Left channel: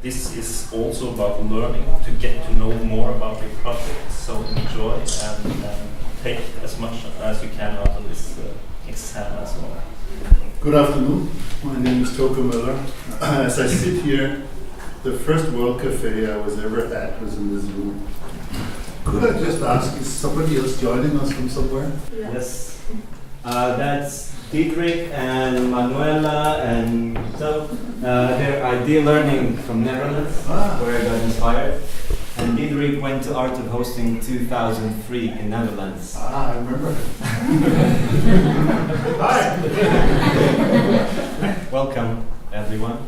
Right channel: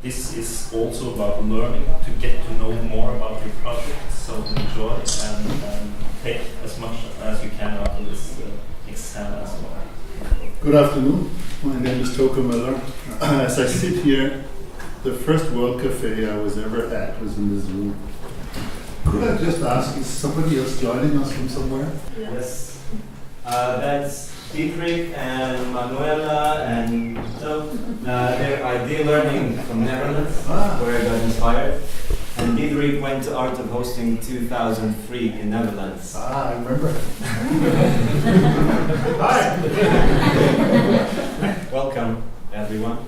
This is also about learning to get to know more about your project, so enjoy and take as much as you can out of this exam as well. Good afternoon, my name is Toke Müller. As I sit here, the first World Cafe I was ever at was in this room. Could I just ask, is somebody else joining us from somewhere? Yes. That's Dietrich and Manuela and so they're ID learning from Netherlands, where I got inspired. And Dietrich went to Art of Hosting 2003 in Netherlands. I remember. Hi! Welcome, everyone.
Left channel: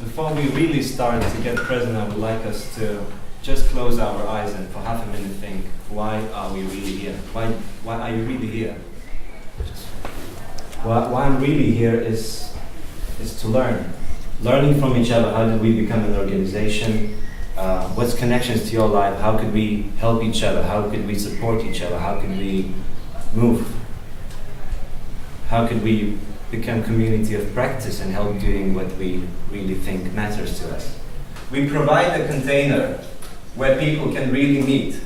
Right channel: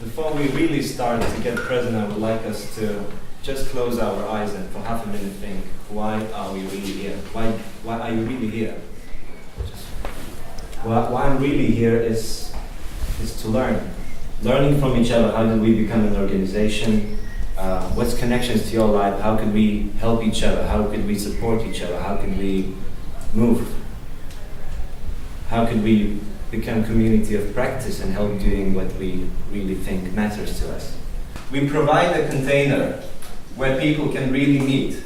Before we really start to get present, I would like us to just close our eyes and for half a minute think, why are we really here? Why are you really here? Why I'm really here is to learn. Learning from each other. How did we become an organization? What's connections to your life? How could we help each other? How could we support each other? How could we move? How could we become community of practice and help doing what we really think matters to us? We provide a container where people can really meet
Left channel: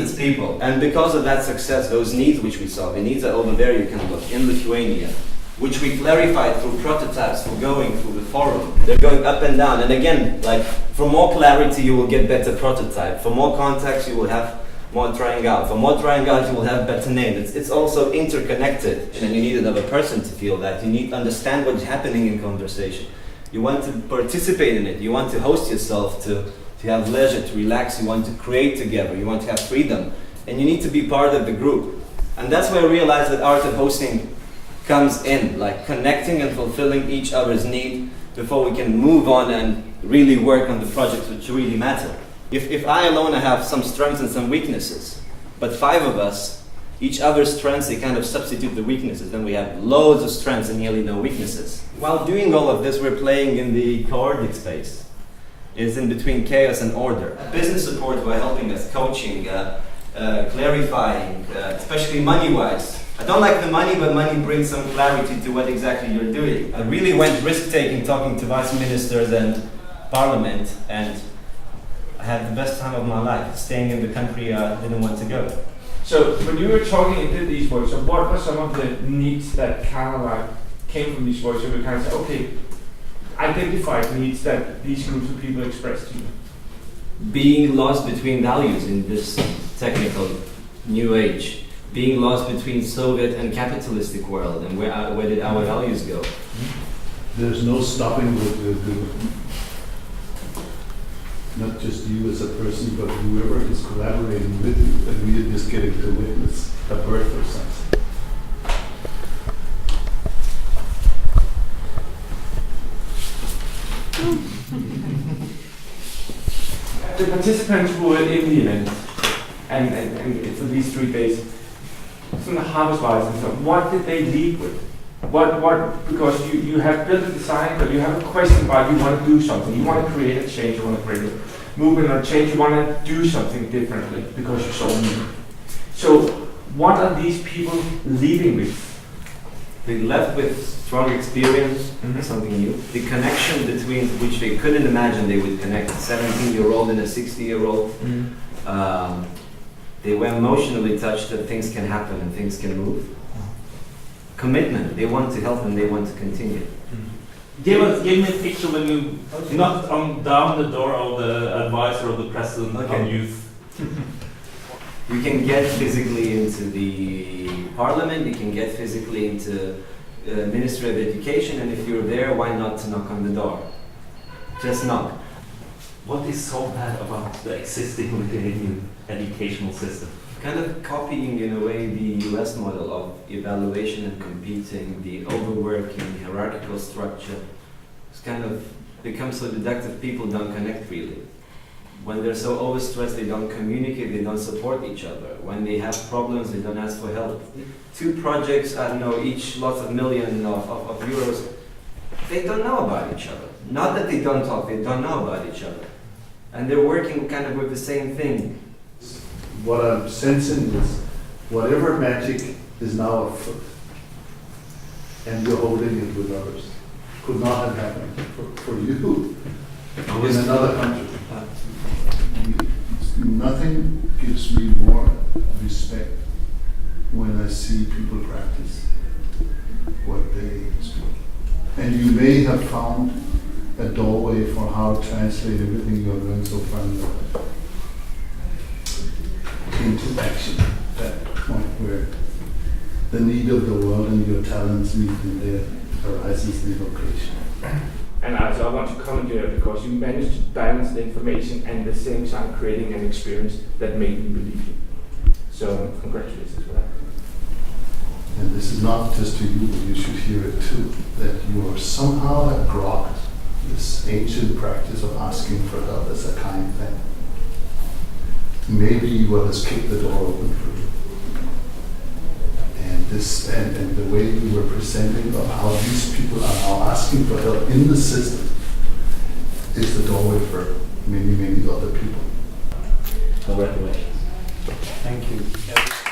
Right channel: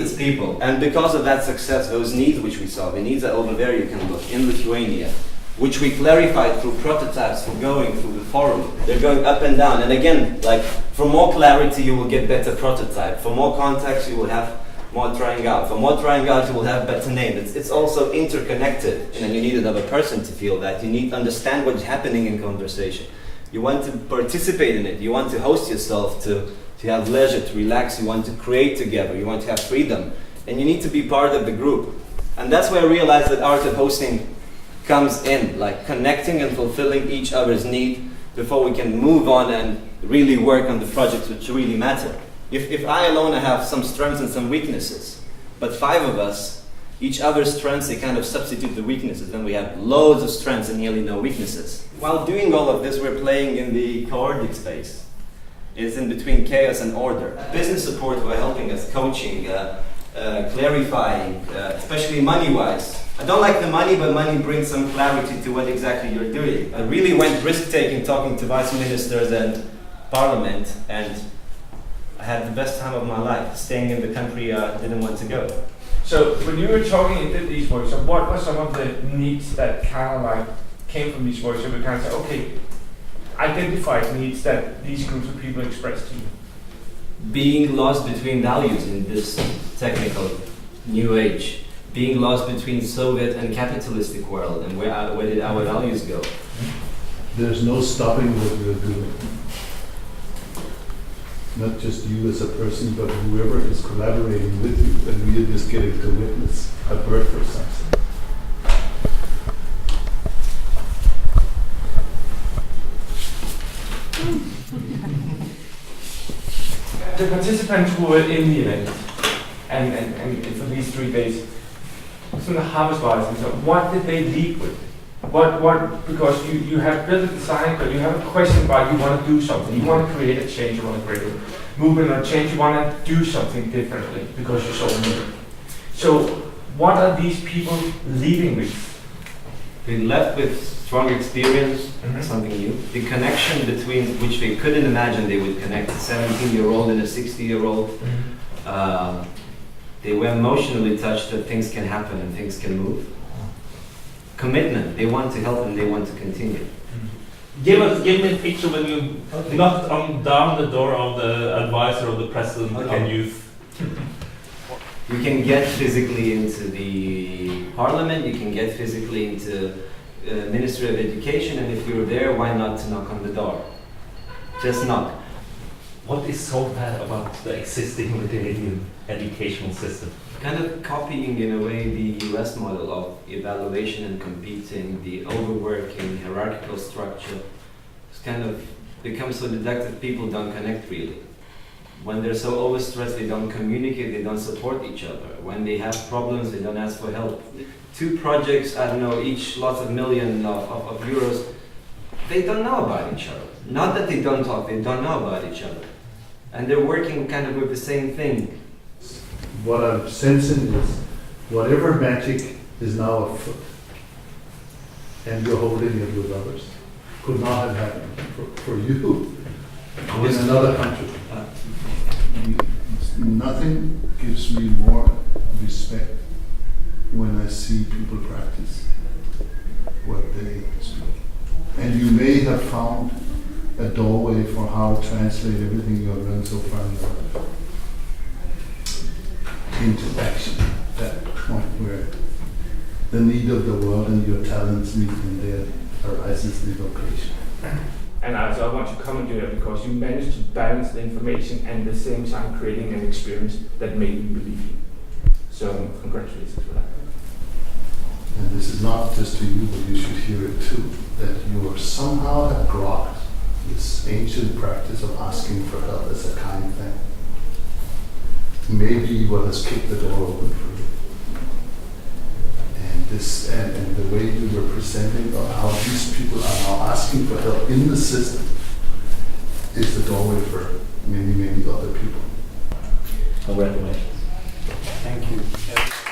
as people. And because of that success, those needs which we saw, the needs are over there, you can look, in Lithuania, which we clarified through prototypes for going through the forum. They're going up and down. And again, like, for more clarity, you will get better prototype. For more context, you will have more trying out. For more trying out, you will have better name. It's also interconnected. And you need another person to feel that. You need to understand what's happening in conversation. You want to participate in it. You want to host yourself to have leisure, to relax. You want to create together. You want to have freedom. And you need to be part of the group. And that's where I realized that art of hosting comes in, like connecting and fulfilling each other's need before we can move on and really work on the projects which really matter. If I alone have some strengths and some weaknesses, but 5 of us, each other's strengths, they kind of substitute the weaknesses, then we have loads of strengths and nearly no weaknesses. While doing all of this, we're playing in the chaotic space. It's in between chaos and order. Business support were helping us, coaching, clarifying, especially money-wise. I don't like the money, but money brings some clarity to what exactly you're doing. I really went risk-taking, talking to vice ministers and parliament, and I had the best time of my life, staying in the country I didn't want to go. So when you were talking and did these workshops, what were some of the needs that kind of like came from these workshops? We kind of said, okay, identified needs that these groups of people expressed to you. Being lost between values in this technical new age. Being lost between Soviet and capitalistic world, and where did our values go? There's no stopping what we're doing. Not just you as a person, but whoever is collaborating with you, and we are just getting to witness a birth of something. The participants who were in the event, and for these 3 days, from the harvest-wise, and so what did they lead with? Because you have built a design, but you have a question about you want to do something, you want to create a change, you want to create a movement or change, you want to do something differently because you saw me. So what are these people leading with? They left with strong experience, something new. The connection between which they couldn't imagine they would connect a 17-year-old and a 60-year-old. They were emotionally touched that things can happen and things can move. Commitment, they want to help and they want to continue. Give me a picture when you knocked down the door of the advisor of the president on youth. You can get physically into the parliament, you can get physically into Ministry of Education, and if you're there, why not to knock on the door? Just knock. What is so bad about the existing Lithuanian educational system? Kind of copying in a way the US model of evaluation and competing, the overworking, hierarchical structure. It's kind of become so deductive, people don't connect really. When they're so overstressed, they don't communicate, they don't support each other. When they have problems, they don't ask for help. 2 projects, I don't know, each lots of millions of euros, they don't know about each other. Not that they don't talk, they don't know about each other. And they're working kind of with the same thing. What I'm sensing is whatever magic is now afoot, and you're holding it with others, could not have happened for you in another country. Nothing gives me more respect when I see people practice what they speak. And you may have found a doorway for how to translate everything you have learned so far in your life into action, that point where the need of the world and your talents meet and there arises the vocation. And also I want to comment here because you managed to balance the information and at the same time creating an experience that made me believe you. So congratulations for that. And this is not just to you, but you should hear it too, that you are somehow have grokked this ancient practice of asking for help as a kind thing. Maybe what has kicked the door open for you. And this and the way you were presenting of how these people are now asking for help in the system is the doorway for many, many other people. Congratulations. Thank you.